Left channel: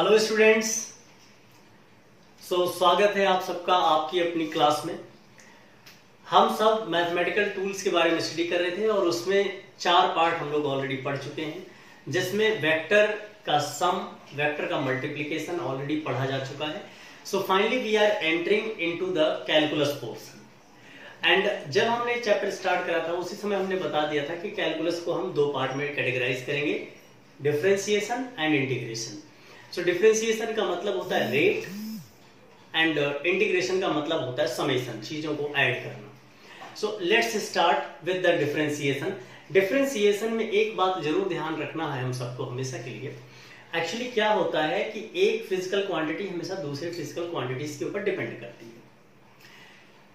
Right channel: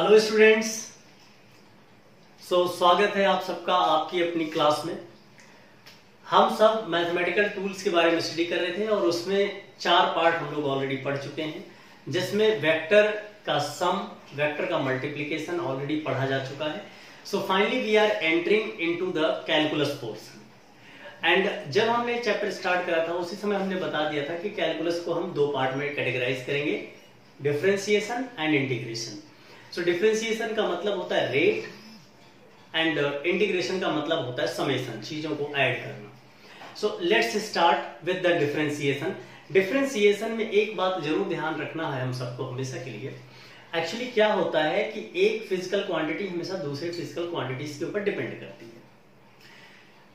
Hello students. स्वागत है आप सबका आपकी अपनी क्लास में। हम सब मैथमेटिकल टूल्स के बारे में स्टडी कर रहे थे और उसमें 4 पार्ट हम लोग ऑलरेडी पढ़ चुके हैं, जिसमें वेक्टर का सम, वेक्टर का मल्टीप्लिकेशन ऑलरेडी पढ़ा जा चुका है। So finally we are entering into the calculus portion. And जब हमने चैप्टर स्टार्ट करा था उसी समय हमने बता दिया था कि कैलकुलस को हम 2 पार्ट में कैटेगराइज करेंगे, differentiation and integration. So differentiation का मतलब होता है रेट एंड इंटीग्रेशन का मतलब होता है समेशन, चीजों को ऐड करना। So let's start with the differentiation. Differentiation में एक बात जरूर ध्यान रखना है हम सबको हमेशा के लिए। एक्चुअली क्या होता है कि एक फिजिकल क्वांटिटी हमेशा दूसरे फिजिकल क्वांटिटीज के ऊपर डिपेंड करती है।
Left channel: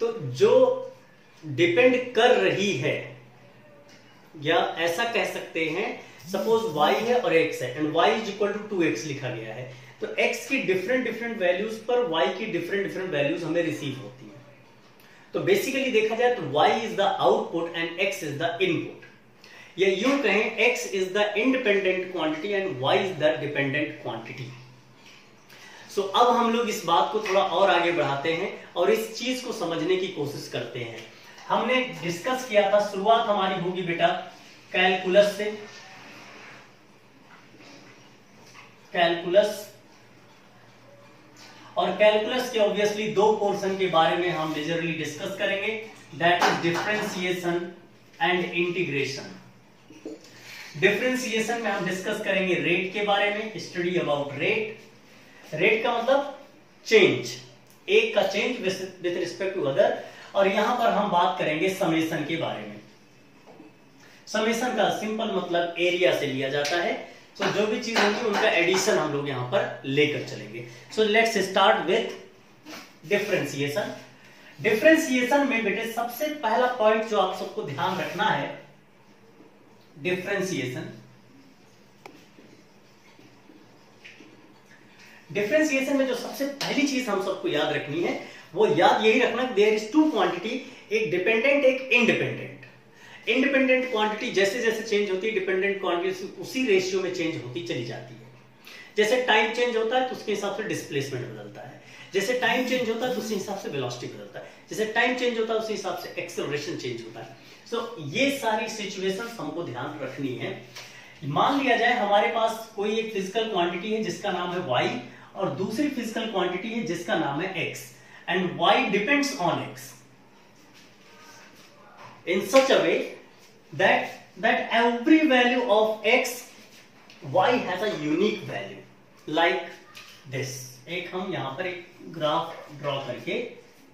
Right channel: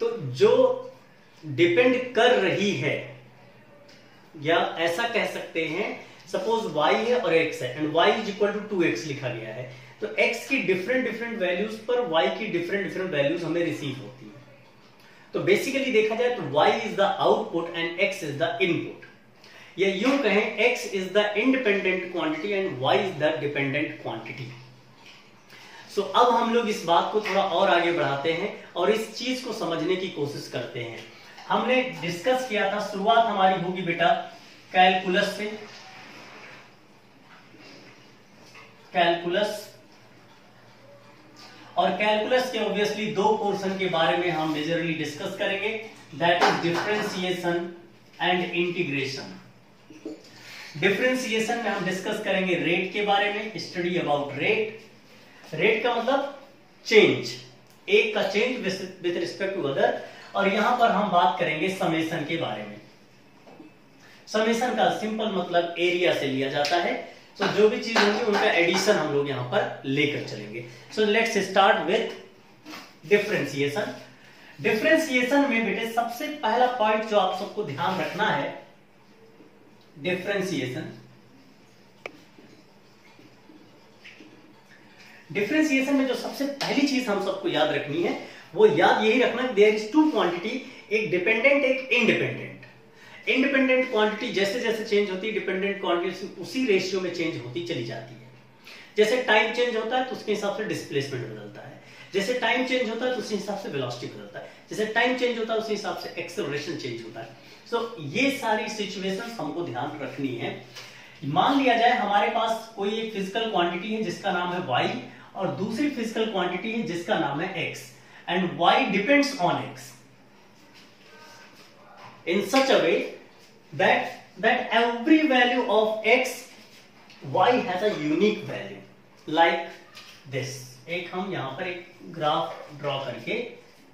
तो जो डिपेंड कर रही है, या ऐसा कह सकते हैं, सपोज y है और x है and y is equal to 2x लिखा गया है, तो x की डिफरेंट वैल्यूज पर y की डिफरेंट वैल्यूज हमें रिसीव होती है। तो बेसिकली देखा जाए तो y is the output and x is the input, या यूं कहें x is the independent quantity and y is the dependent quantity. So अब हम लोग इस बात को थोड़ा और आगे बढ़ाते हैं और इस चीज को समझने की कोशिश करते हैं। हमने डिस्कस किया था, शुरुआत हमारी होगी बेटा कैलकुलस से। कैलकुलस, और कैलकुलस के ऑब्वियसली 2 पोर्शन के बारे में हम मेजरली डिस्कस करेंगे, that is differentiation and integration. Differentiation में हम डिस्कस करेंगे रेट के बारे में, स्टडी अबाउट रेट। रेट का मतलब चेंज, एक का change with respect to other, और यहां पर हम बात करेंगे समेशन के बारे में। समेशन का सिंपल मतलब एरिया से लिया जाता है। तो जो भी चीज होगी उनका एडिशन हम लोग यहां पर लेकर चलेंगे। So let's start with differentiation. Differentiation में बेटे सबसे पहला पॉइंट जो आप सबको ध्यान रखना है, डिफरेंशिएशन। डिफरेंशिएशन में जो सबसे पहली चीज हम सबको याद रखनी है वो याद यही रखना, देयर इज 2 क्वांटिटी, एक डिपेंडेंट एक इंडिपेंडेंट। इंडिपेंडेंट क्वांटिटी जैसे जैसे चेंज होती है, डिपेंडेंट क्वांटिटी उसी रेशियो में चेंज होती चली जाती है। जैसे टाइम चेंज होता है तो उसके हिसाब से डिस्प्लेसमेंट बदलता है, जैसे टाइम चेंज होता है तो उसी हिसाब से वेलोसिटी बदलता है, जैसे टाइम चेंज होता है उसी हिसाब से एक्सेलरेशन चेंज होता है। सो ये सारी सिचुएशंस हमको ध्यान रखनी है। मान लिया जाए हमारे पास कोई एक फिजिकल क्वांटिटी है जिसका नाम है y, और दूसरी फिजिकल क्वांटिटी है जिसका नाम है x, and y depends on x in such a way that every value of x, y has a unique value like this। एक हम यहां पर एक ग्राफ ड्रॉ करके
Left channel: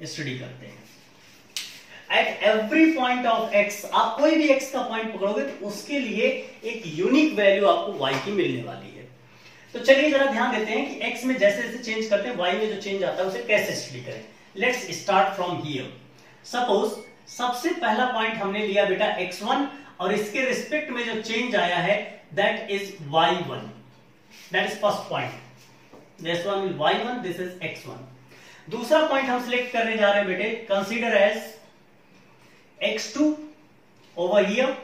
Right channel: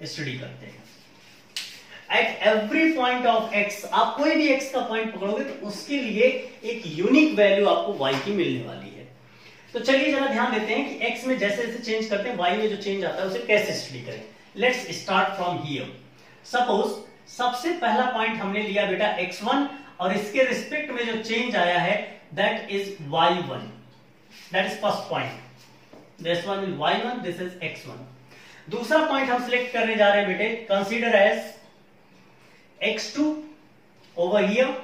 स्टडी करते हैं। At every point of x, आप कोई भी x का पॉइंट पकड़ोगे तो उसके लिए एक यूनिक वैल्यू आपको y की मिलने वाली है। तो चलिए जरा ध्यान देते हैं कि x में जैसे जैसे चेंज करते हैं y में जो चेंज आता है उसे कैसे स्टडी करें। Let's start from here. Suppose सबसे पहला पॉइंट हमने लिया बेटा x1, और इसके रिस्पेक्ट में जो चेंज आया है that is y1, that is first point. This one is y1, this is x1। दूसरा पॉइंट हम सिलेक्ट करने जा रहे हैं बेटे, consider as x2 over here,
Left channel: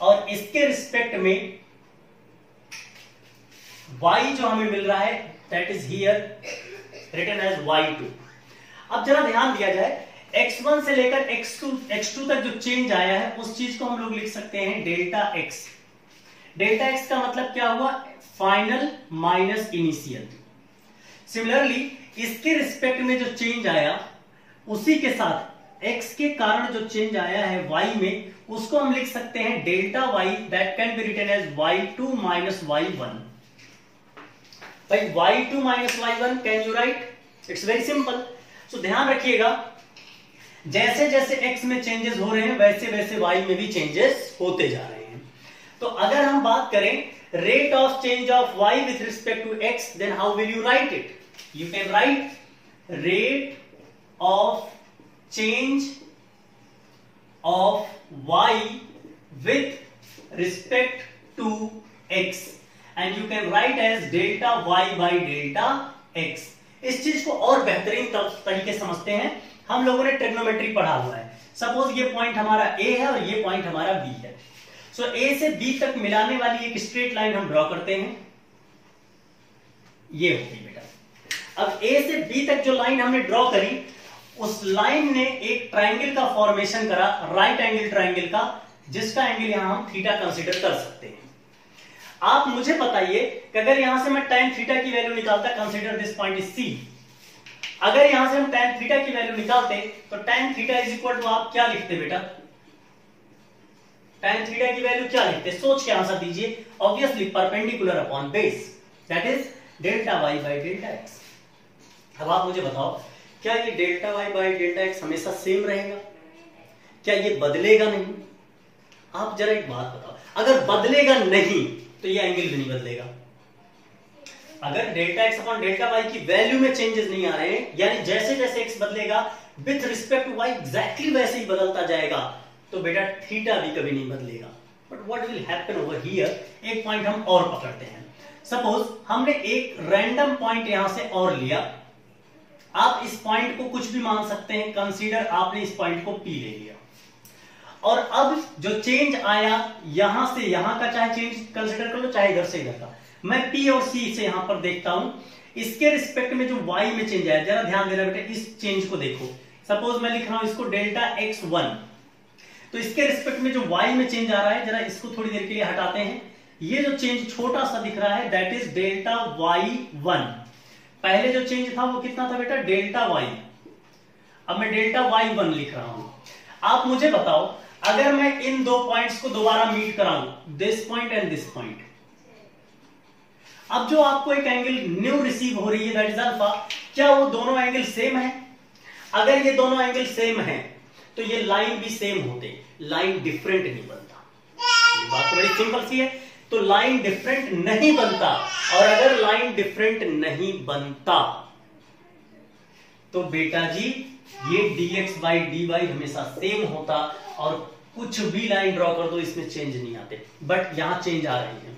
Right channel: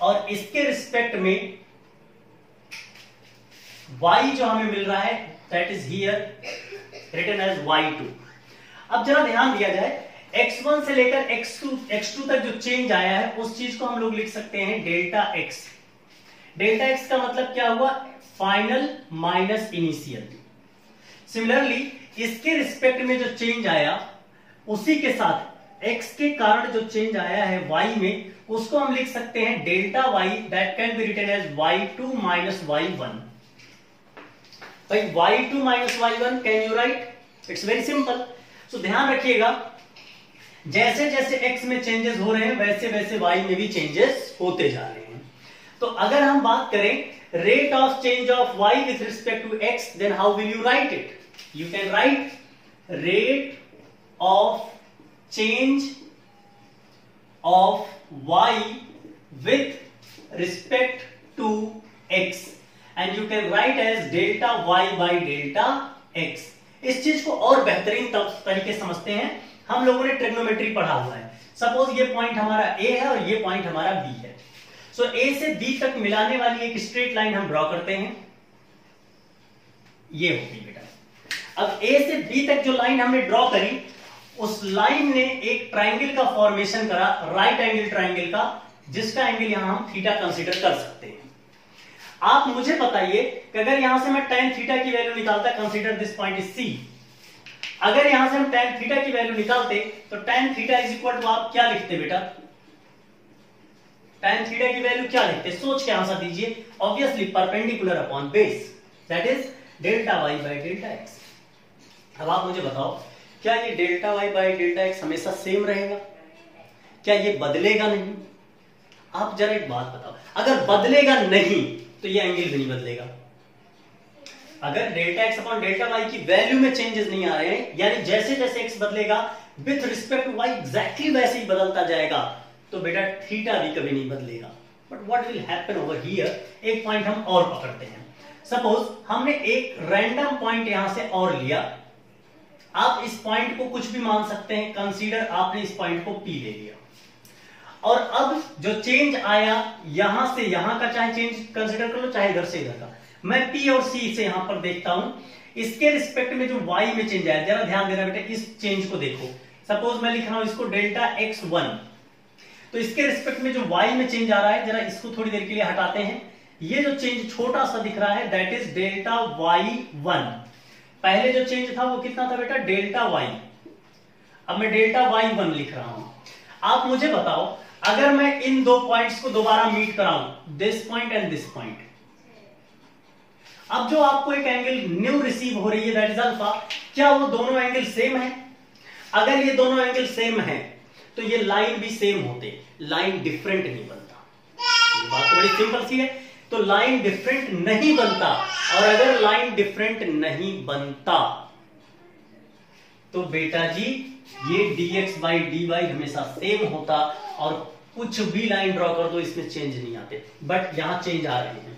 और इसके रिस्पेक्ट में y जो हमें मिल रहा है that is here written as y2। अब जरा ध्यान दिया जाए, x1 से लेकर x2 तक जो चेंज आया है उस चीज को हम लोग लिख सकते हैं डेल्टा x। डेल्टा x का मतलब क्या हुआ, फाइनल माइनस इनिशियल। सिमिलरली इसके रिस्पेक्ट में जो चेंज आया उसी के साथ x के कारण जो चेंज आया है y में, उसको हम लिख सकते हैं delta y, that can be written as y2 minus y1। भाई y2 minus y1 can you write? It's very simple. So ध्यान रखिएगा, जैसे जैसे x में चेंजेस हो रहे हैं वैसे वैसे y में भी चेंजेस होते जा रहे हैं। तो अगर हम बात करें rate of change of y with respect to x, then how will you write it? You can write rate of change of y with respect to x, and you can write as delta y by delta x। इस चीज को और बेहतरीन तरीके समझते हैं, हम लोगों ने ट्रिग्नोमेट्री पढ़ा हुआ है। सपोज ये पॉइंट हमारा A है और ये पॉइंट हमारा B है। सो A से B तक मिलाने वाली एक स्ट्रेट लाइन हम ड्रॉ करते हैं। ये होगी बेटा। अब ए से बी तक जो लाइन हमने ड्रॉ करी, उस लाइन ने एक ट्राइंगल का फॉर्मेशन करा, राइट एंगल ट्राइंगल का, जिसका एंगल यहां हम थीटा कंसीडर कर सकते हैं। आप मुझे बताइए कि अगर यहां से मैं tan थीटा की वैल्यू निकालता, consider this point is C, अगर यहां से हम tan थीटा की वैल्यू निकालते तो tan theta is equal to, आप क्या लिखते बेटा, tan थीटा की वैल्यू क्या लिखते, सोच के आंसर दीजिए। Obviously perpendicular upon base, that is delta Y by delta X. अब आप मुझे बताओ, क्या ये delta Y by delta X हमेशा सेम रहेगा? क्या ये बदलेगा नहीं? आप जरा एक बात बताओ, अगर बदलेगा नहीं तो ये एंगल भी नहीं बदलेगा। अगर delta X upon delta Y की वैल्यू में चेंजेस नहीं आ रहे हैं, यानी जैसे जैसे एक्स बदलेगा with respect to Y exactly वैसे ही बदलता जाएगा, तो बेटा थीटा भी कभी नहीं बदलेगा। But what will happen over here, एक पॉइंट हम और पकड़ते हैं। सपोज हमने एक रैंडम पॉइंट यहां से और लिया, आप इस पॉइंट को कुछ भी मान सकते हैं, कंसीडर आपने इस पॉइंट को पी ले लिया, और अब जो चेंज आया यहां से यहां का, चाहे चेंज कंसीडर कर लो चाहे इधर से इधर का, मैं पी और सी से यहां पर देखता हूं, इसके रिस्पेक्ट में जो वाई में चेंज आया, जरा ध्यान देना बेटा, इस चेंज को देखो। सपोज मैं लिख रहा हूं इसको डेल्टा x1, तो इसके रिस्पेक्ट में जो वाई में चेंज आ रहा है, जरा इसको थोड़ी देर के लिए हटाते हैं, ये जो चेंज छोटा सा दिख रहा है दैट इज डेल्टा y1। पहले जो चेंज था वो कितना था बेटा, डेल्टा y, अब मैं डेल्टा y1 लिख रहा हूं। आप मुझे बताओ, अगर मैं इन दो पॉइंट्स को दोबारा मीट कराऊं, this point and this point, अब जो आपको एक एंगल न्यू रिसीव हो रही है दैट इज अल्फा, क्या वो दोनों एंगल सेम है? अगर ये दोनों एंगल सेम है तो ये लाइन भी सेम होते, लाइन डिफरेंट नहीं बनता। ये बात तो बड़ी सिंपल सी है, तो लाइन डिफरेंट नहीं बनता, और अगर लाइन डिफरेंट नहीं बनता तो बेटा जी ये dx बाई dy हमेशा सेम होता, और कुछ भी लाइन ड्रॉ कर दो इसमें चेंज नहीं आते, बट यहां चेंज आ रहे हैं,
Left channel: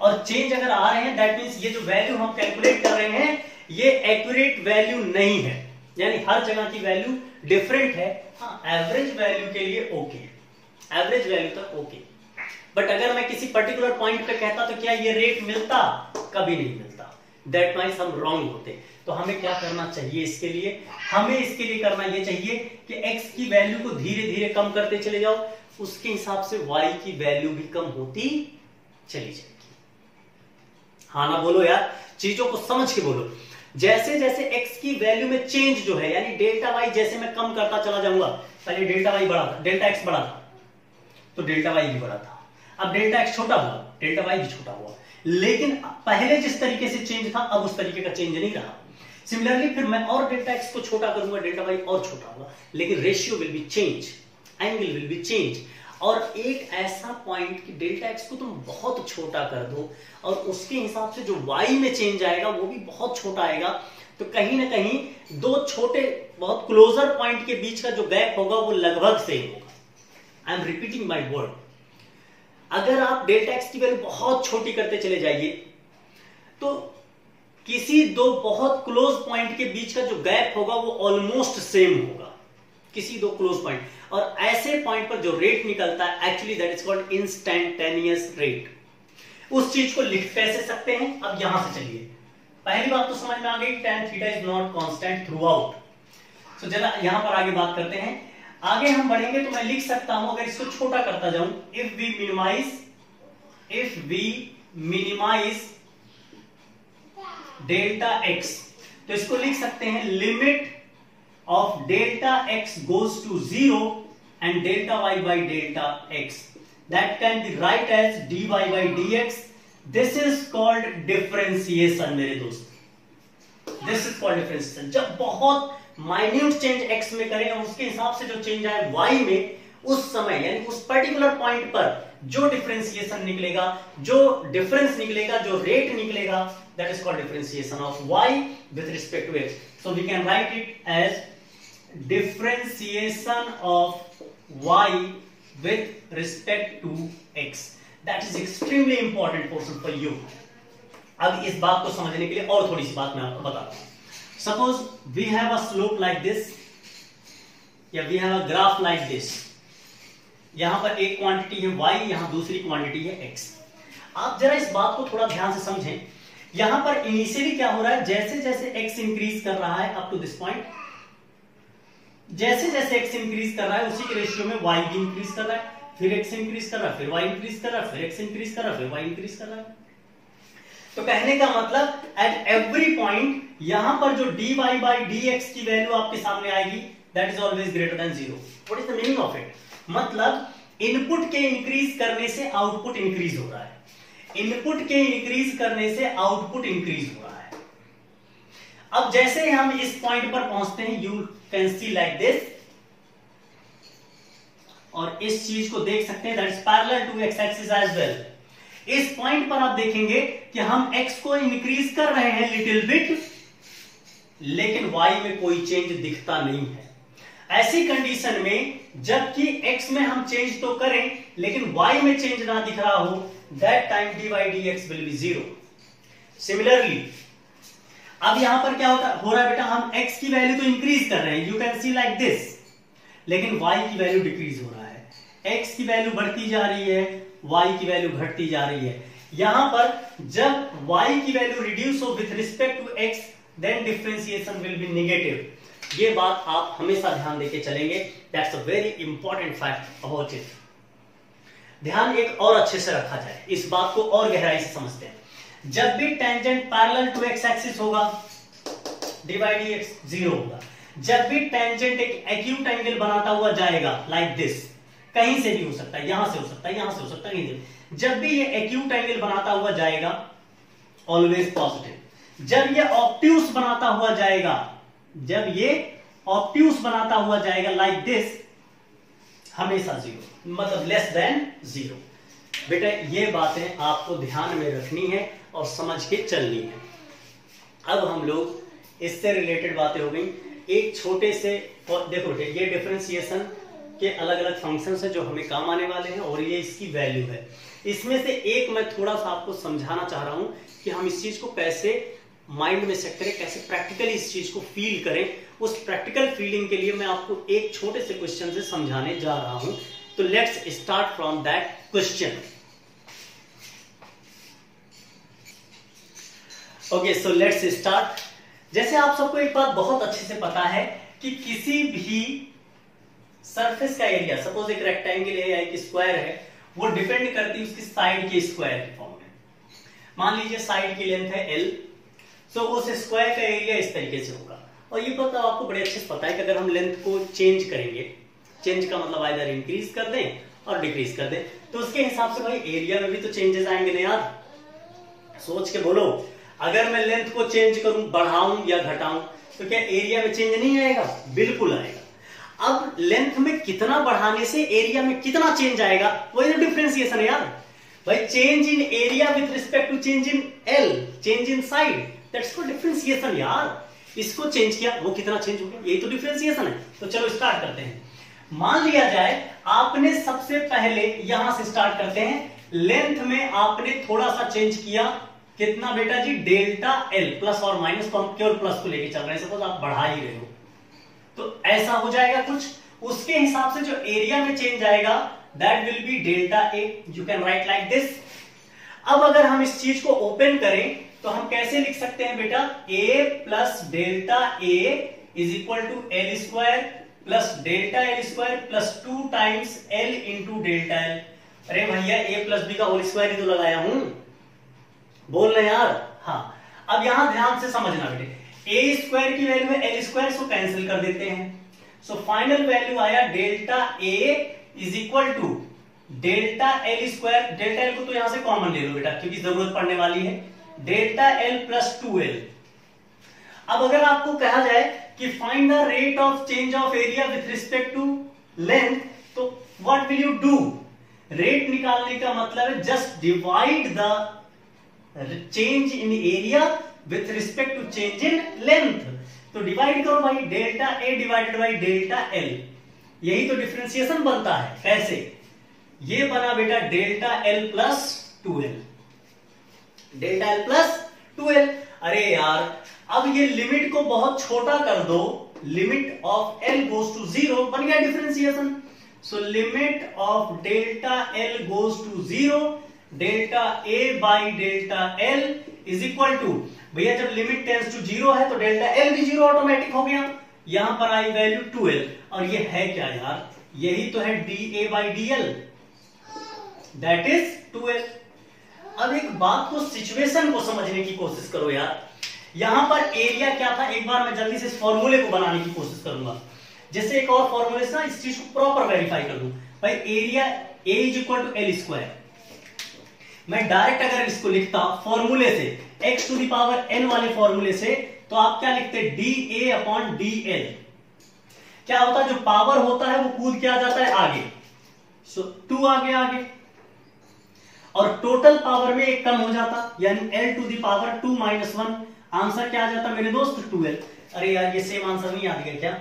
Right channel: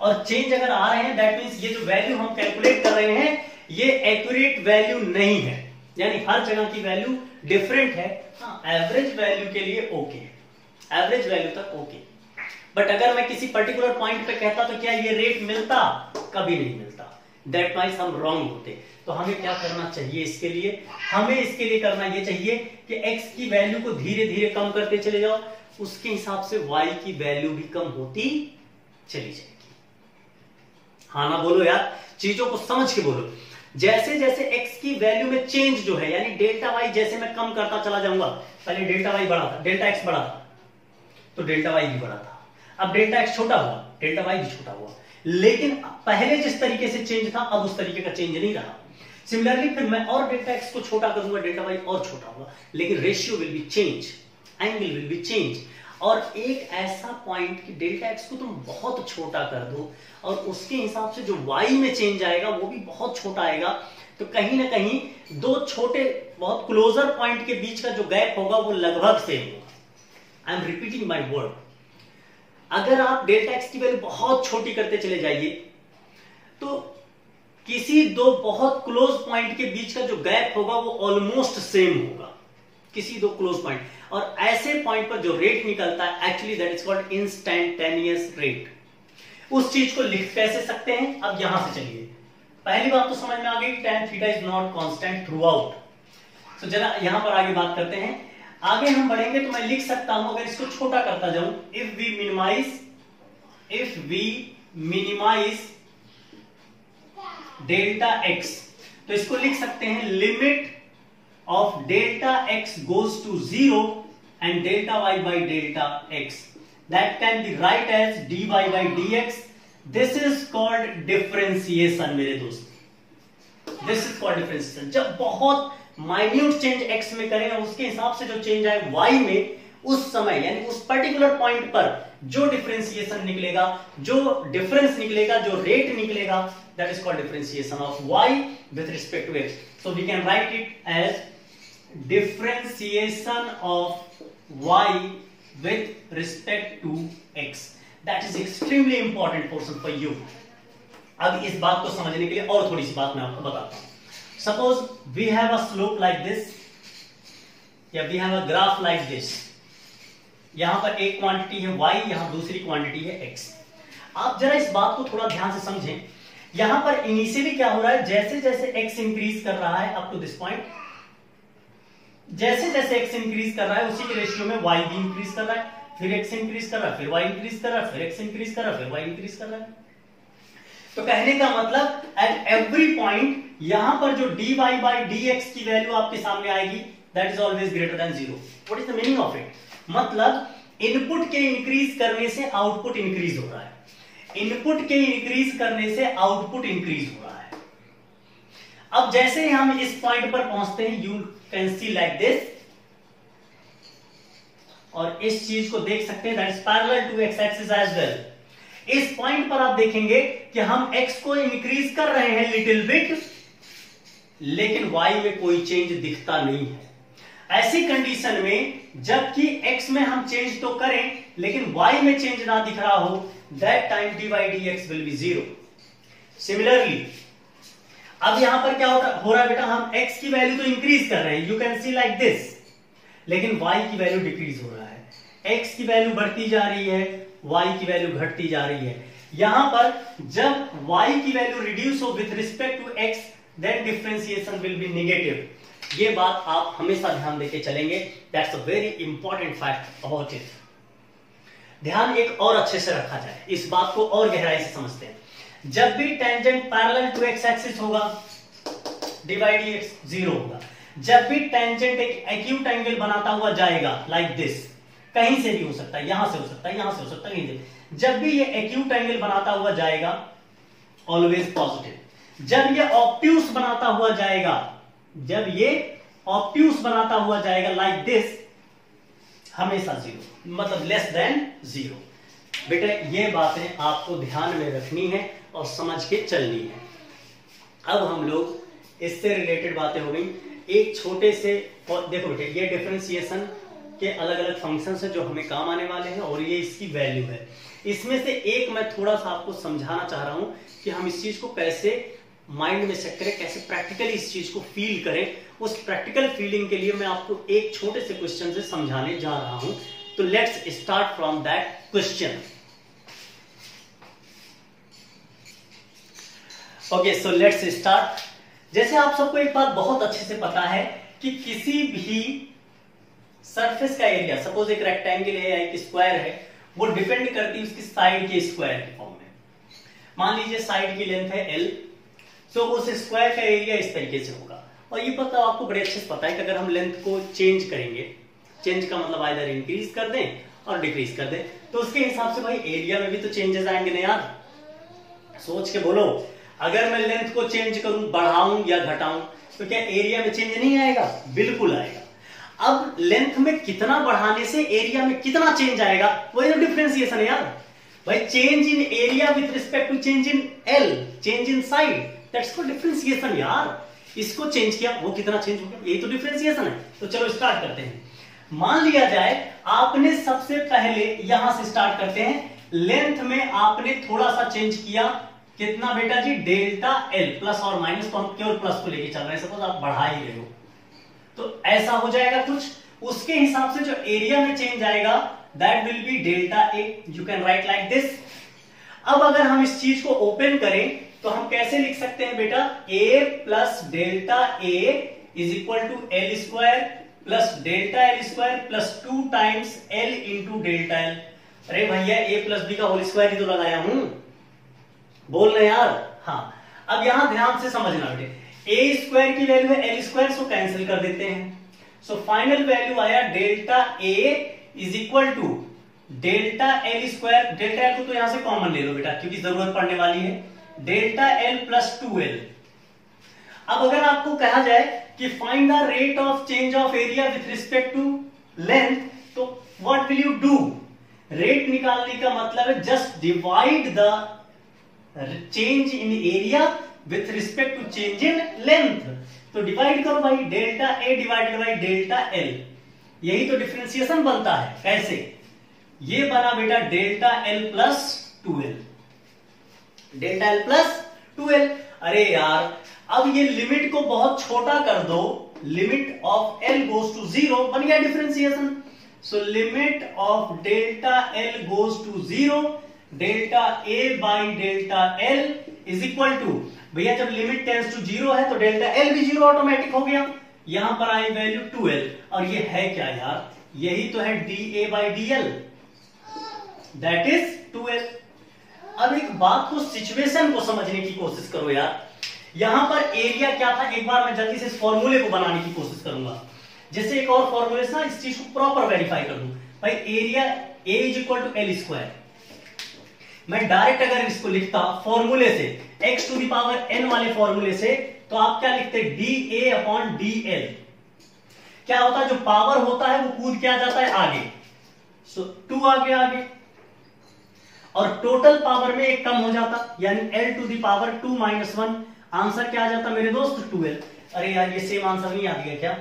और चेंज अगर आ रहे हैं दैट मींस ये जो वैल्यू हम कैलकुलेट कर रहे हैं ये एक्यूरेट वैल्यू नहीं है, यानी हर जगह की वैल्यू डिफरेंट है। हाँ, एवरेज वैल्यू के लिए ओके, एवरेज वैल्यू तक ओके, बट अगर मैं किसी पर्टिकुलर पॉइंट पे कहता तो क्या ये रेट मिलता? कभी नहीं मिलता, दैट मींस हम रॉन्ग होते। तो हमें क्या करना चाहिए इसके लिए? हमें इसके लिए करना ये चाहिए कि x की वैल्यू को धीरे धीरे कम करते चले जाओ, उसके हिसाब से y की वैल्यू भी कम होती चली जाएगी। हाँ ना बोलो यार, चीजों को समझ के बोलो। जैसे जैसे x की वैल्यू में चेंज जो है, यानी डेल्टा y जैसे मैं कम करता चला जाऊंगा, पहले डेल्टा y बड़ा था, डेल्टा x बड़ा था तो डेल्टा y भी बड़ा था, अब डेल्टा x छोटा हुआ, डेल्टा y भी छोटा हुआ, लेकिन पहले जिस तरीके से चेंज था अब उस तरीके का चेंज नहीं रहा। सिमिलरली फिर मैं और डेल्टा x को छोटा करूंगा, डेल्टा y और छोटा होगा, लेकिन ratio will be change, angle will be change. और एक ऐसा पॉइंट कि डेल्टा x को तुम बहुत छोटा कर दो और उसके हिसाब से जो y में चेंज आएगा वो भी बहुत छोटा आएगा, तो कहीं ना कहीं दो छोटे बहुत क्लोजर पॉइंट के बीच का जो गैप होगा वो लगभग सेम होगा। I am repeating my word. अगर आप डेल्टा x की वैल्यू बहुत छोटी करते चले जाइए तो किसी दो बहुत क्लोज पॉइंट के बीच का जो गैप होगा वो ऑलमोस्ट सेम होगा, किसी दो क्लोज पॉइंट, और ऐसे पॉइंट पर जो रेट निकलता है actually that is called instantaneous rate. उस चीज को लिख कैसे सकते हैं? अब यहां से चलिए, पहली बात तो समझ में आ गई, tan theta is not constant through out. तो जरा यहां पर आगे बात करते हैं। आगे हम बढ़ेंगे तो मैं लिख सकता हूं, अगर इसको छोटा करता जाऊं, if we minimize delta x, तो इसको लिख सकते हैं limit of delta x goes to 0 and delta y by delta x, that can be write as dy by dx. This is called differentiation मेरे दोस्त, this is called differentiation। जब बहुत minute change x में करें और उसके हिसाब से जो चेंज आए y में, उस समय यानी उस पर्टिकुलर पॉइंट पर जो डिफरेंशिएशन निकलेगा, जो डिफरेंस निकलेगा, जो रेट निकलेगा, that is called differentiation of y with respect to x. So we can write it as differentiation of y with respect to x. That is extremely important portion for you. अब इस बात को समझने के लिए और थोड़ी सी बात मैं आपको बताता हूं। Suppose we have a slope like this, या we have a graph like this. यहां पर एक क्वांटिटी है y, यहां दूसरी क्वांटिटी है x. आप जरा इस बात को थोड़ा ध्यान से समझें यहां पर इनिशियली क्या हो रहा है, जैसे जैसे x इंक्रीज कर रहा है अप टू दिस पॉइंट, जैसे जैसे x इंक्रीज कर रहा है उसी के रेशियो में y भी इंक्रीज कर रहा है, फिर x इंक्रीज कर रहा है, फिर y इंक्रीज कर रहा है, फिर x इंक्रीज कर रहा है, फिर y इंक्रीज कर रहा है। तो कहने का मतलब एट एवरी पॉइंट यहां पर जो dy बाई dx की वैल्यू आपके सामने आएगी, that is always greater than 0। What is the meaning of it? मतलब इनपुट के इंक्रीज करने से आउटपुट इंक्रीज हो रहा है, इनपुट के इंक्रीज करने से आउटपुट इंक्रीज हो रहा है। अब जैसे ही हम इस पॉइंट पर पहुंचते हैं, you can see like this, और इस चीज को देख सकते हैं, that is parallel to X axis as well. इस पॉइंट पर आप देखेंगे कि हम x को इंक्रीज कर रहे हैं लिटिल बिट, लेकिन y में कोई चेंज दिखता नहीं है। ऐसी कंडीशन में जबकि x में हम चेंज तो करें लेकिन y में चेंज ना दिख रहा हो, that time dy dx will be 0। Similarly अब यहां पर क्या हो रहा है बेटा, हम x की वैल्यू तो इंक्रीज कर रहे हैं, you can see like this, लेकिन y की वैल्यू डिक्रीज हो रहा है। x की वैल्यू बढ़ती जा रही है, y की वैल्यू घटती जा रही है। यहां पर जब y की वैल्यू रिड्यूस हो with respect to x, then differentiation will be negative. ये बात आप हमेशा ध्यान देके चलेंगे, that's a very important fact about it. ध्यान एक और अच्छे से रखा जाए, इस बात को और गहराई से समझते हैं। जब भी tangent parallel to X axis होगा, dy dx 0 होगा। जब भी टेंजेंट एक एक्यूट एंगल बनाता हुआ जाएगा लाइक दिस, कहीं से भी हो सकता है, यहां से हो सकता है, यहां से हो सकता है, कहीं से, जब भी ये एक्यूट एंगल बनाता हुआ जाएगा ऑलवेज पॉजिटिव। जब ये ऑब्ट्यूस बनाता हुआ जाएगा, जब ये ऑब्ट्यूस बनाता हुआ जाएगा लाइक दिस, हमेशा 0, मतलब लेस देन 0। बेटे ये बातें आपको ध्यान में रखनी है और समझ के चलनी है। अब हम लोग इससे रिलेटेड बातें हो गई, एक छोटे से, देखो बेटे ये डिफरेंशिएशन के अलग अलग फंक्शंस है जो हमें काम आने वाले हैं, और ये इसकी वैल्यू है। इसमें से एक मैं थोड़ा सा आपको समझाना चाह रहा हूं कि हम इस चीज को कैसे माइंड में सेट करें, कैसे प्रैक्टिकली इस चीज को फील करें। उस प्रैक्टिकल फीलिंग के लिए मैं आपको एक छोटे से क्वेश्चन से समझाने जा रहा हूं। तो let's start from that question. Okay, so let's start. जैसे आप सबको एक बात बहुत अच्छे से पता है कि किसी भी सरफेस का एरिया, सपोज एक रेक्टेंगल है या एक स्क्वायर है, वो डिपेंड करती है उसकी साइड के स्क्वायर के फॉर्म में। मान लीजिए साइड की लेंथ है l, तो उस स्क्वायर का एरिया इस तरीके से होगा। और ये पता आपको बड़े अच्छे से पता है कि अगर हम लेंथ को चेंज करेंगे, चेंज का मतलब आइदर इंक्रीज कर दें और डिक्रीज कर दें, तो उसके हिसाब से भाई एरिया में भी तो चेंजेस आएंगे ना यार। सोच के बोलो, अगर मैं लेंथ को चेंज करूं, बढ़ाऊं या घटाऊं, तो क्या एरिया में चेंज नहीं आएगा? बिल्कुल आएगा। अब लेंथ में कितना बढ़ाने से एरिया में कितना चेंज आएगा, वही तो डिफरेंशिएशन है यार। भाई change in area with respect to change in L, change in side, that's called differentiation यार। इसको चेंज किया, वो कितना चेंज हो गया, यही तो डिफरेंशिएशन है। तो चलो स्टार्ट करते हैं। मान लिया जाए आपने सबसे पहले यहां से स्टार्ट करते हैं, लेंथ में आपने थोड़ा सा चेंज किया, कितना बेटा जी, डेल्टा एल, प्लस और माइनस, तो हम केवल प्लस को लेके चल रहे हैं, सपोज आप बढ़ा ही रहे हो, तो ऐसा हो जाएगा कुछ। उसके हिसाब से जो एरिया में चेंज आएगा that will B delta A, you can right like this. अब अगर हम इस चीज को ओपन करें तो हम कैसे लिख सकते हैं बेटा, a plus delta A is equal to L square plus delta L square plus 2 times L into delta L. अरे भैया a प्लस बी का होल स्क्वायर ही तो लगाया हूं, बोल रहे यार। हाँ, अब यहां ध्यान से समझना बेटे, a स्क्वायर की वैल्यू है एल स्क्वायर, सो कैंसिल कर देते हैं। सो फाइनल वैल्यू आया delta a is equal to delta L square, delta L को तो यहां से कॉमन ले लो बेटा क्योंकि जरूरत पड़ने वाली है, डेल्टा एल प्लस 2l। अब अगर आपको कहा जाए कि find the rate of change of area with respect to length, तो what will you do? Rate निकालने का मतलब है just divide the change in area with respect to change in length. तो डिवाइड करो भाई, delta A divided by delta L, यही तो डिफरेंशिएशन बनता है। कैसे? ये बना बेटा delta L plus 2l, delta L plus 2l। अरे यार, अब ये लिमिट को बहुत छोटा कर दो, limit of L goes to 0, बन गया differentiation. So limit of delta L goes to 0 delta A by delta L is equal to, भैया जब लिमिट टेंड्स टू 0 है तो डेल्टा एल भी 0 ऑटोमेटिक हो गया, यहां पर आई वैल्यू 2l, और ये है क्या यार, यही तो है D A by D L, that is 2l। अब एक बात को, सिचुएशन को समझने की कोशिश करो यार। यहां पर एरिया क्या था, एक बार मैं जल्दी से इस फॉर्मूले को बनाने की कोशिश करूंगा, जिससे एक और फॉर्मूले से इस चीज को प्रॉपर वेरीफाई कर दूं। भाई area A is equal to L square, मैं डायरेक्ट अगर इसको लिखता फॉर्मूले से, X to the power N वाले फॉर्मूले से, तो आप क्या लिखते, D A upon D L. क्या होता है, जो पावर होता है वो कूद के आ जाता है आगे, सो 2 आगे, और टोटल पावर में एक कम हो जाता, यानी L to the power 2 minus 1, answer क्या आ जाता मेरे दोस्त, 2l। अरे यार ये सेम आंसर नहीं आ गया क्या,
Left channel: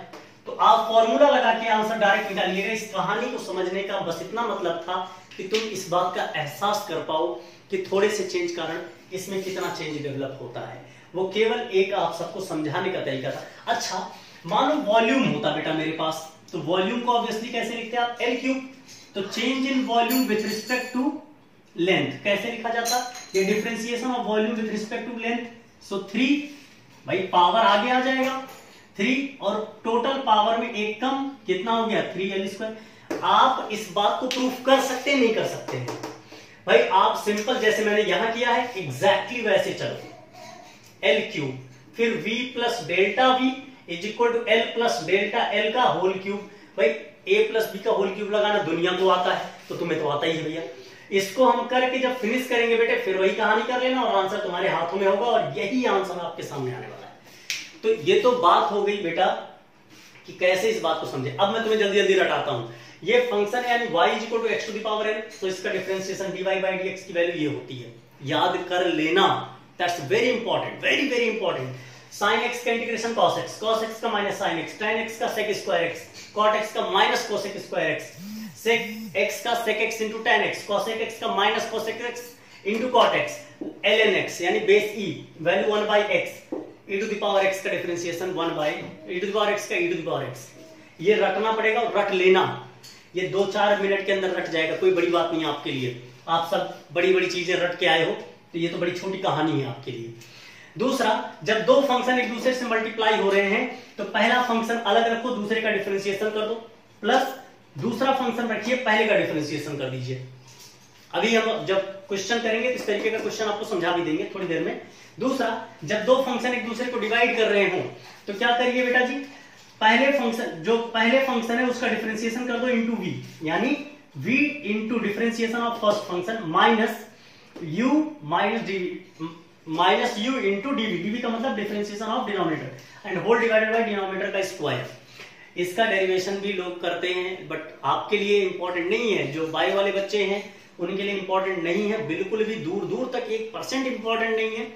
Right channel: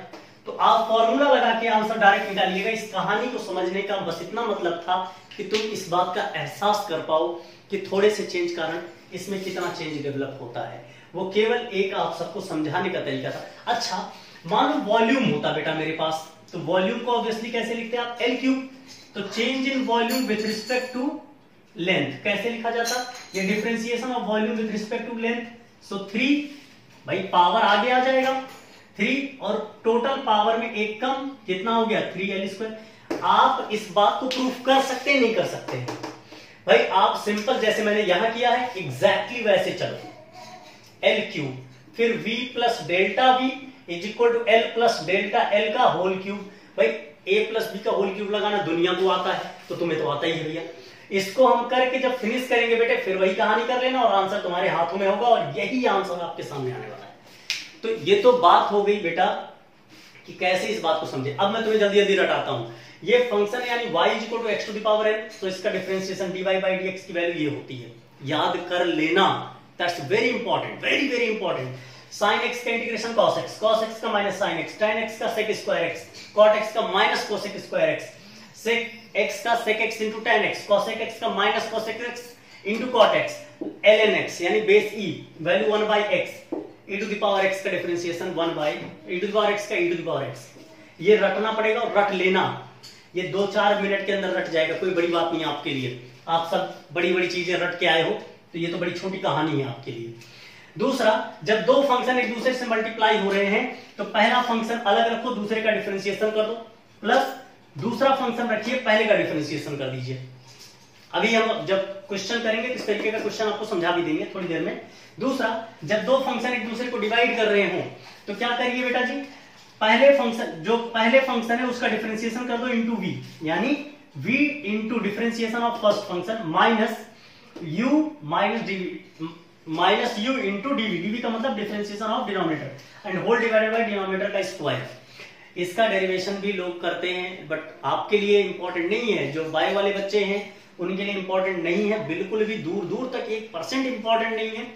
तो आप फॉर्मूला लगा के आंसर डायरेक्ट निकालिएगा। इस कहानी को समझने का बस इतना मतलब था कि तुम इस बात का एहसास कर पाओ कि थोड़े से चेंज कारण इसमें कितना चेंज डेवलप होता है। वो केवल एक आप सबको समझाने का तरीका था। अच्छा मान लो वॉल्यूम होता बेटा मेरे पास, तो वॉल्यूम को ऑब्वियसली कैसे लिखते हैं आप, एल क्यूब। तो change in volume with respect to length कैसे लिखा जाता, ये differentiation of volume with respect to length. So 3, भाई पावर आगे आ जाएगा 3, और टोटल पावर में एक कम, कितना हो गया 3l स्क्वायर। आप इस बात को प्रूफ कर सकते नहीं कर सकते भाई, आप सिंपल जैसे मैंने यहां किया है एग्जैक्टली वैसे चलो, एल क्यूब फिर v plus delta v is equal to L plus delta L का होल क्यूब। भाई a प्लस b का होल क्यूब लगाना दुनिया को आता है, तो तुम्हें तो आता ही है भैया। इसको हम करके जब फिनिश करेंगे बेटे, फिर वही कहानी कर लेना और आंसर तुम्हारे हाथों में होगा, और यही आंसर आपके सामने आने वाला है। तो ये तो बात हो गई बेटा कि कैसे इस बात को समझे। अब मैं तुम्हें जल्दी जल्दी रटाता हूं। ये फंक्शन यानी y is equal to x to the power n, तो इसका डिफरेंशिएशन dy बाई dx की वैल्यू ये होती है, याद कर लेना, that's very important, very very important. Sine x का integration cos x, cos x का minus sine x, tan x का sec square x, cot x का minus cosec square x, sec x का sec x into tan x, cosec x का minus cosec x into cot x, ln x यानी base e value 1 by x, e to the power x का differentiation 1 by e to the power x का e to the power x। ये रटना पड़ेगा और रट लेना, ये 2-4 मिनट के अंदर रट जाएगा, कोई बड़ी बात नहीं है आपके लिए। आप सब बड़ी बड़ी चीजें रट के आए हो, तो ये तो बड़ी छोटी कहानी है आपके लिए। दूसरा, जब दो फंक्शन एक दूसरे से मल्टीप्लाई हो रहे हैं, तो पहला फंक्शन अलग रखो, दूसरे का डिफरेंशिएशन कर दो, प्लस दूसरा फंक्शन रखिए, पहले का डिफरेंशिएशन कर दीजिए। अभी हम जब क्वेश्चन करेंगे तो इस तरीके का क्वेश्चन आपको समझा भी देंगे थोड़ी देर में। दूसरा, जब दो फंक्शन एक दूसरे को डिवाइड कर रहे हो, तो क्या करिए बेटा जी, पहले फंक्शन है उसका डिफरेंशिएशन कर दो इंटू v, यानी v into differentiation of first function minus u into dv का मतलब differentiation of denominator and whole divided by denominator का स्क्वायर। इसका डेरिवेशन भी लोग करते हैं, बट आपके लिए इंपॉर्टेंट नहीं है। जो बाय वाले बच्चे हैं उनके लिए इंपॉर्टेंट नहीं है, बिल्कुल भी दूर दूर तक 1% इंपॉर्टेंट नहीं है।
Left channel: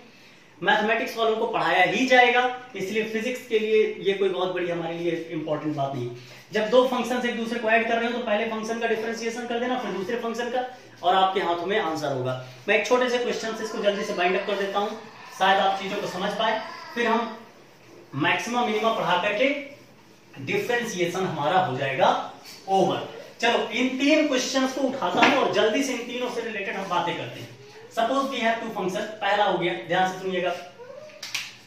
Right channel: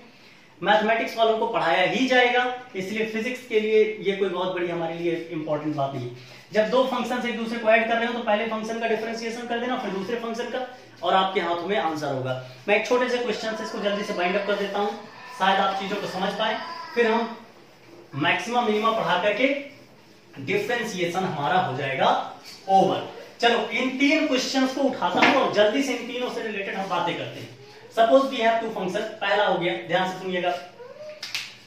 मैथमेटिक्स वालों को पढ़ाया ही जाएगा, इसलिए फिजिक्स के लिए ये कोई बहुत बड़ी हमारे लिए इंपॉर्टेंट बात नहीं है। जब दो फंक्शन एक दूसरे को ऐड कर रहे हो, तो पहले फंक्शन का डिफरेंशिएशन कर देना, फिर दूसरे फंक्शन का, और आपके हाथों में आंसर होगा। मैं एक छोटे से क्वेश्चन से इसको जल्दी से बाइंड अप कर देता हूं, शायद आप चीजों को समझ पाए, फिर हम मैक्सिमम मिनिमम पढ़ा करके डिफरेंशिएशन हमारा हो जाएगा ओवर। चलो इन 3 क्वेश्चंस को उठाता हूं और जल्दी से इन तीनों से रिलेटेड हम बातें करते हैं। सपोज वी हैव 2 फंक्शन, पहला हो गया, ध्यान से सुनिएगा।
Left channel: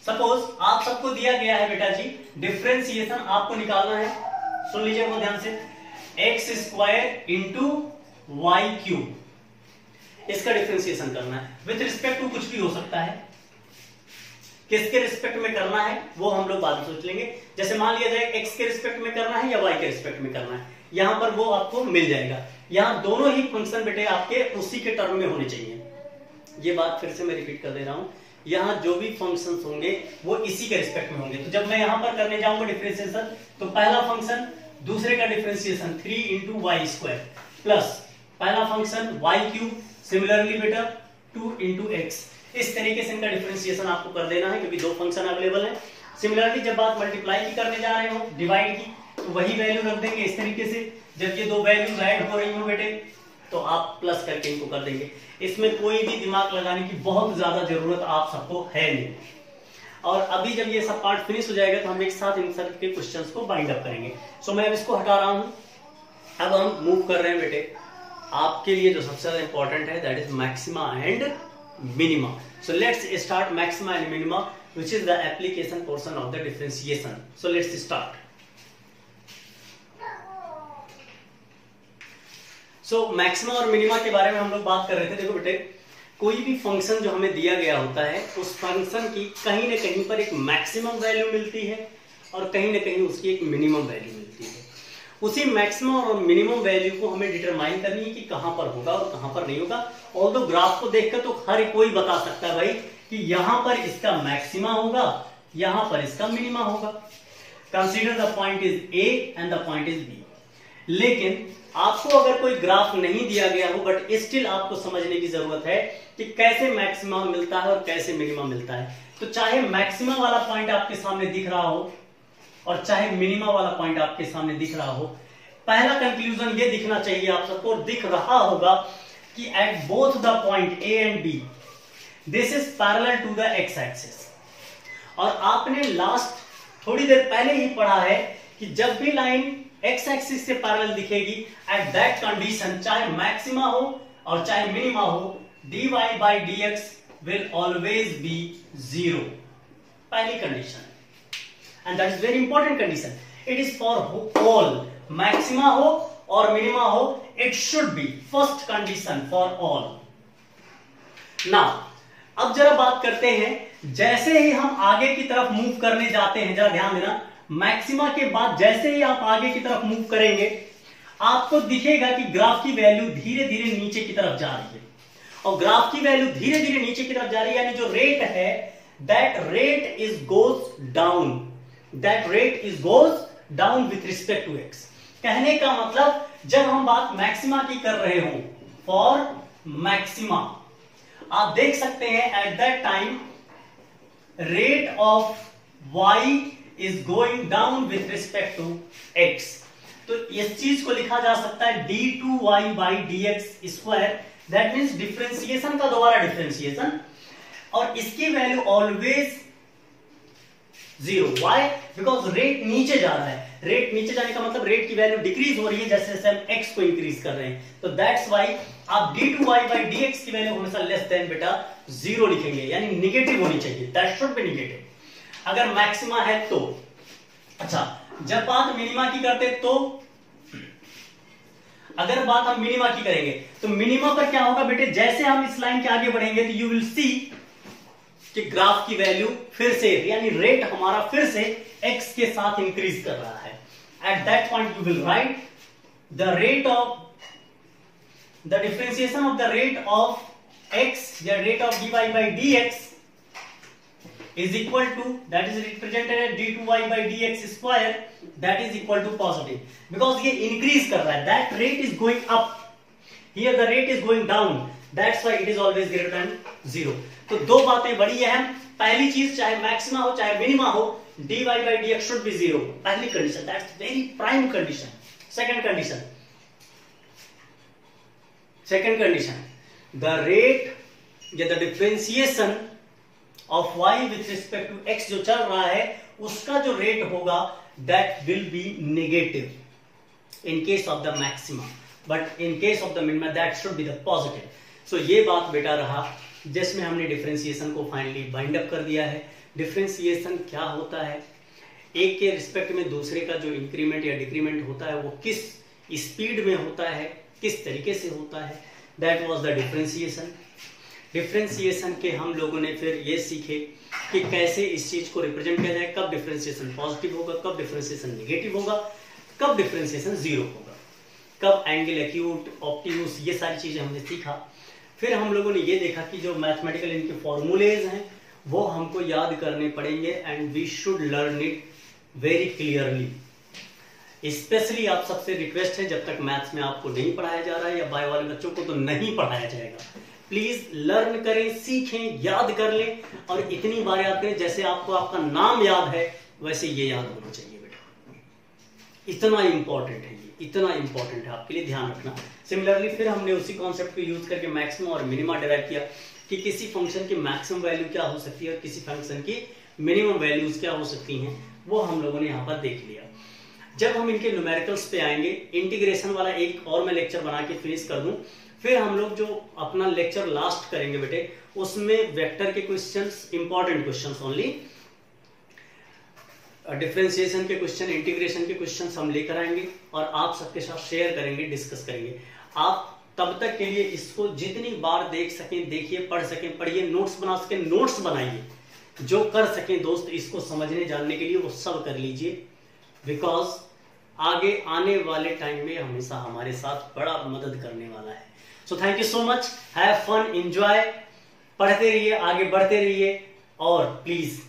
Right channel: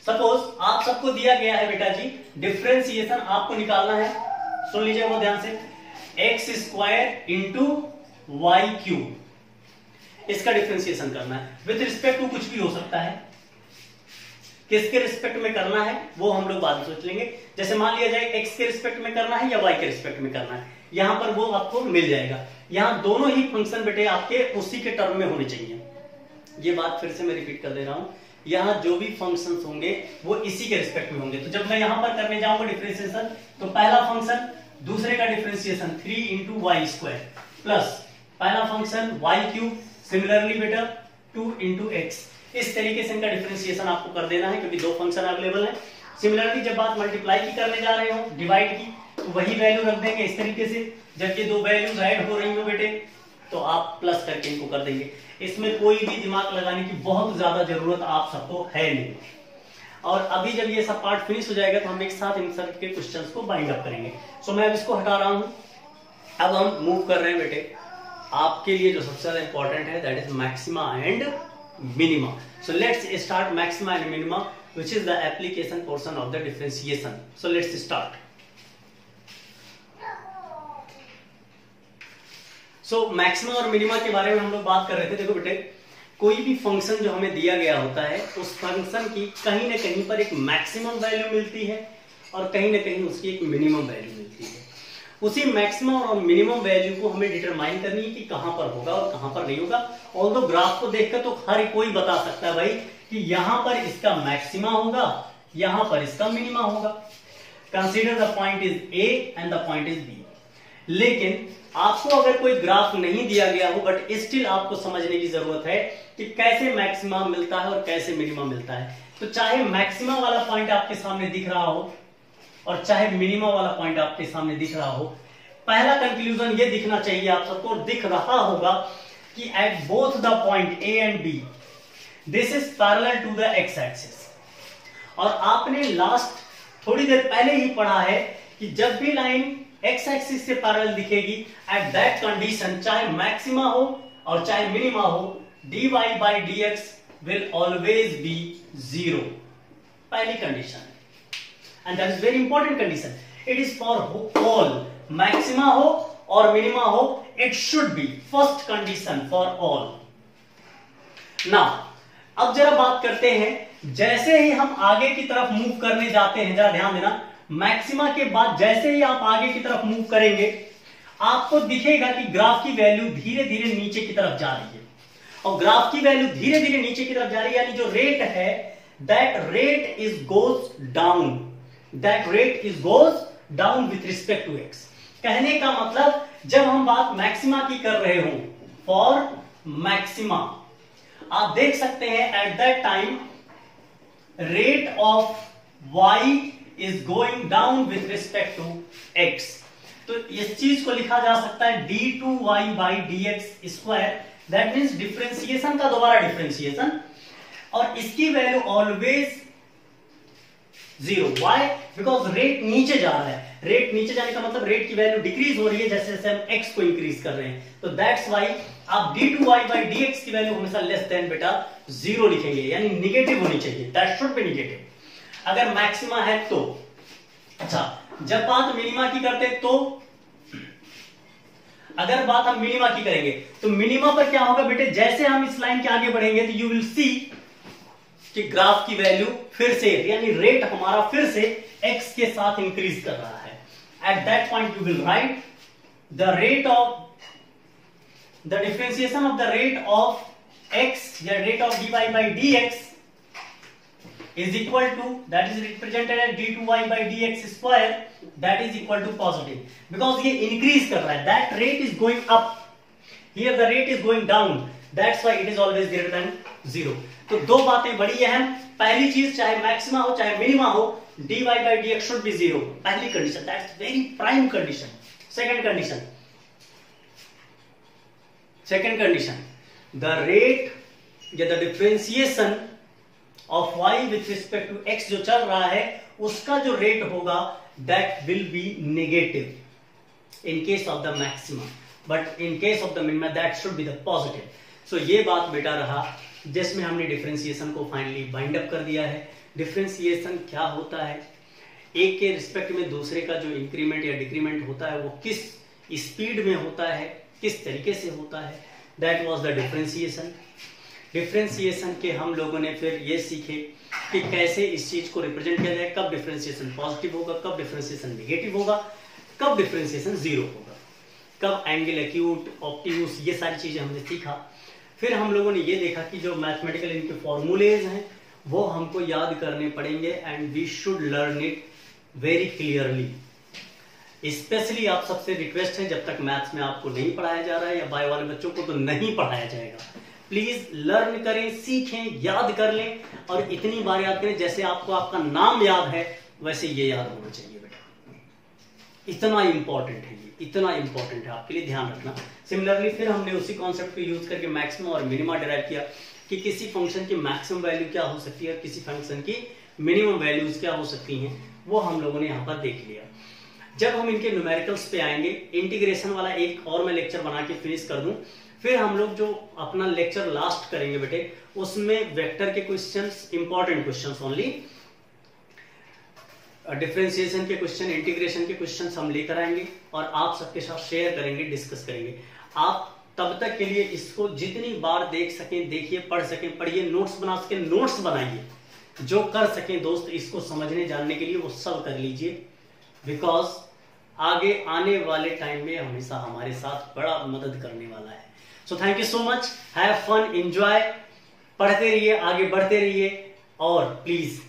सपोज आप सबको दिया गया है बेटा जी डिफरेंशिएशन, आपको निकालना है, सुन लीजिए वो ध्यान से, X square into Y cube, इसका डिफरेंशिएशन करना है विथ रिस्पेक्ट टू कुछ भी हो सकता है। किसके रिस्पेक्ट में करना है वो हम लोग बाद में सोच लेंगे। जैसे मान लिया जाए एक्स के रिस्पेक्ट में करना है या वाई के रिस्पेक्ट में करना है, यहां पर वो आपको मिल जाएगा। यहां दोनों ही फंक्शन बेटे आपके उसी के टर्म में होने चाहिए। ये बात फिर से मैं रिपीट कर दे रहा हूं, यहां जो भी फंक्शंस होंगे वो इसी के रिस्पेक्ट में होंगे। तो जब मैं यहां पर करने जाऊंगा डिफरेंशिएशन, तो पहला फंक्शन दूसरे का differentiation 3 into Y square plus पहला फंक्शन वाई क्यूब, सिमिलरली बेटा 2 इंटू एक्स। इस तरीके से इनका डिफरेंशिएशन आपको कर देना है, क्योंकि 2 फंक्शन अवेलेबल है। सिमिलरली जब बात मल्टीप्लाई की करने जा रहे हो, डिवाइड की, तो वही वैल्यू रख देंगे इस तरीके से। जब ये 2 वैल्यूज ऐड हो रही हो बेटे, तो आप प्लस करके इनको कर देंगे। इसमें कोई भी दिमाग लगाने की बहुत ज्यादा जरूरत आप सबको है नहीं। और अभी जब ये सब पार्ट फिनिश हो जाएगा, तो हम एक साथ इन सब के क्वेश्चंस को बाइंड अप करेंगे। सो मैं अब इसको हटा रहा हूं, अब हम मूव कर रहे हैं बेटे आपके लिए जो सबसे ज्यादा इंपॉर्टेंट है that is maxima and minima. So let's start maxima and minima which is the application portion of the differentiation. So let's start. So maxima और मिनिमा के बारे में हम लोग बात कर रहे थे. देखो बेटे, कोई भी फंक्शन जो हमें दिया गया होता है उस फंक्शन की कहीं ना कहीं पर एक मैक्सिमम वैल्यू मिलती है और कहीं ना कहीं उसकी एक मिनिमम वैल्यू मिलती है. उसी मैक्सिमम और मिनिमम वैल्यू को हमें डिटरमाइन करनी है कि कहां पर होगा और कहां पर नहीं होगा. ऑल्दो ग्राफ को देखकर तो हर कोई बता सकता है भाई कि यहां पर इसका मैक्सिमा होगा, यहां पर इसका मिनिमा होगा. Consider the point is A and the point is B. लेकिन आपको अगर कोई ग्राफ नहीं दिया गया हो बट स्टिल आपको समझने की जरूरत है कि कैसे मैक्सिमा मिलता है और कैसे मिनिमा मिलता है. तो चाहे मैक्सिमा वाला पॉइंट आपके सामने दिख रहा हो और चाहे मिनिमा वाला पॉइंट आपके सामने दिख रहा हो, पहला कंक्लूजन ये दिखना चाहिए आप सबको, दिख रहा होगा कि at both the point A and B this is parallel to the X axis. और आपने लास्ट थोड़ी देर पहले ही पढ़ा है कि जब भी लाइन एक्स एक्सिस से पैरेलल दिखेगी एट दैट कंडीशन, चाहे मैक्सिमा हो और चाहे मिनिमा हो, dy by dx will always be 0. पहली कंडीशन है and that is very important condition. It is for all, maxima हो और minima हो, it should be first condition for all. Now, अब जरा बात करते हैं, जैसे ही हम आगे की तरफ मूव करने जाते हैं, जरा ध्यान देना, मैक्सिमा के बाद जैसे ही आप आगे की तरफ मूव करेंगे आपको दिखेगा कि ग्राफ की वैल्यू धीरे धीरे नीचे की तरफ जा रही है. और ग्राफ की वैल्यू धीरे धीरे नीचे की तरफ जा रही है, यानी जो रेट है that rate is goes down, that rate is goes down with respect to X. कहने का मतलब जब हम बात मैक्सिमा की कर रहे हो, फॉर मैक्सिमा आप देख सकते हैं at that time rate of y is going down with respect to x. तो इस चीज को लिखा जा सकता है d2y by dx square. That means differentiation का दोबारा डिफरेंशिएशन, और इसकी value always 0. Why? Because rate नीचे जा रहा है. रेट नीचे जाने का मतलब रेट की वैल्यू डिक्रीज हो रही है जैसे जैसे हम x को इंक्रीज कर रहे हैं. तो दैट्स वाई आप d2y by dx की वैल्यू हमेशा लेस देन बेटा 0 लिखेंगे, यानी निगेटिव होनी चाहिए. दैट शुड बी निगेटिव अगर मैक्सिमा है तो. अच्छा, जब बात मिनिमा की करते तो अगर बात हम मिनिमा की करेंगे तो मिनिमा पर क्या होगा बेटे, जैसे हम इस लाइन के आगे बढ़ेंगे तो यू विल सी कि ग्राफ की वैल्यू फिर से, यानी रेट हमारा फिर से x के साथ इंक्रीज कर रहा है. At that point you will write the rate of the differentiation of the rate of x या rate of dy by dx is equal to, that is represented as d2y by dx square, that is equal to positive, because ये increase कर रहा है. that rate is going up, here the rate is going down, that's why it is always greater than 0. तो दो बातें बड़ी अहम. पहली चीज, चाहे मैक्सिमा हो चाहे मिनिमा हो, dy by dx should be 0. पहली condition, that's very prime condition. second condition, the rate या the differentiation of y with respect to x जो चल रहा है उसका जो रेट होगा that will be negative in case of the maximum, but in case of the minimum that should be the positive. So ये बात बेटा रहा जिसमें हमने डिफरेंशिएशन को फाइनली बाइंड अप कर दिया है. डिफरेंशिएशन क्या होता है, एक के रिस्पेक्ट में दूसरे का जो इंक्रीमेंट या डिक्रीमेंट होता है वो किस स्पीड में होता है, किस तरीके से होता है, that was the differentiation. Differentiation के हम लोगों ने फिर ये सीखे कि कैसे इस चीज को रिप्रेजेंट किया जाए, कब डिफरेंशिएशन पॉजिटिव होगा, कब डिफरेंशिएशन नेगेटिव होगा, कब डिफरेंशिएशन 0 होगा, कब एंगल एक्यूट, ऑप्टिम्यूस, ये सारी चीजें हमने सीखा. फिर हम लोगों ने ये देखा कि जो मैथमेटिकल इनके फॉर्मूलेज हैं वो हमको याद करने पड़ेंगे and we should learn it very clearly. Specially आप सबसे रिक्वेस्ट है, जब तक मैथ्स में आपको नहीं पढ़ाया जा रहा है या बायो वाले बच्चों को तो नहीं पढ़ाया जाएगा, प्लीज लर्न करें, सीखें, याद कर लें और इतनी बार याद करें जैसे आपको आपका नाम याद है वैसे ये याद होना चाहिए बेटा. इतना इंपॉर्टेंट है ये, इतना इंपॉर्टेंट है, आपके लिए ध्यान रखना. सिमिलरली फिर हमने उसी कॉन्सेप्ट को यूज करके मैक्सिमम और मिनिमा डिराइव किया कि किसी फंक्शन की मैक्सिमम वैल्यू क्या हो सकती है और किसी फंक्शन की मिनिमम वैल्यूज क्या हो सकती हैं, वो हम लोगों ने यहां पर देख लिया. जब हम इनके न्यूमेरिकल्स पे आएंगे, इंटीग्रेशन वाला एक और मैं लेक्चर बना के फिनिश कर दूं, फिर हम लोग जो अपना लेक्चर लास्ट करेंगे बेटे, उसमें वेक्टर के questions, important questions only, differentiation के क्वेश्चन, इंटीग्रेशन के क्वेश्चंस हम लेकर आएंगे और आप सबके साथ शेयर करेंगे, डिस्कस करेंगे। आप तब तक के लिए इसको जितनी बार देख सकें देखिए, पढ़ सकें पढ़िए, नोट्स बना सकें नोट्स बनाइए, जो कर सकें दोस्त इसको समझने जानने के लिए वो सब कर लीजिए, बिकॉज आगे आने वाले टाइम में हमेशा हमारे साथ बड़ा मदद करने वाला है। So thank you so much, have fun, enjoy, पढ़ते रहिए, आगे बढ़ते रहिए और प्लीज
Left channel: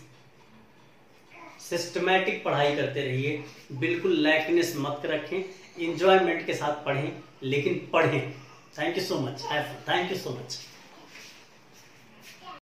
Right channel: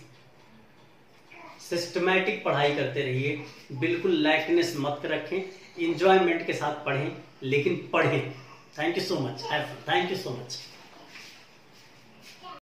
सिस्टमैटिक पढ़ाई करते रहिए, बिल्कुल लैकनेस मत रखें, एंजॉयमेंट के साथ पढ़ें, लेकिन पढ़ें। Thank you so much, have fun, thank you so much.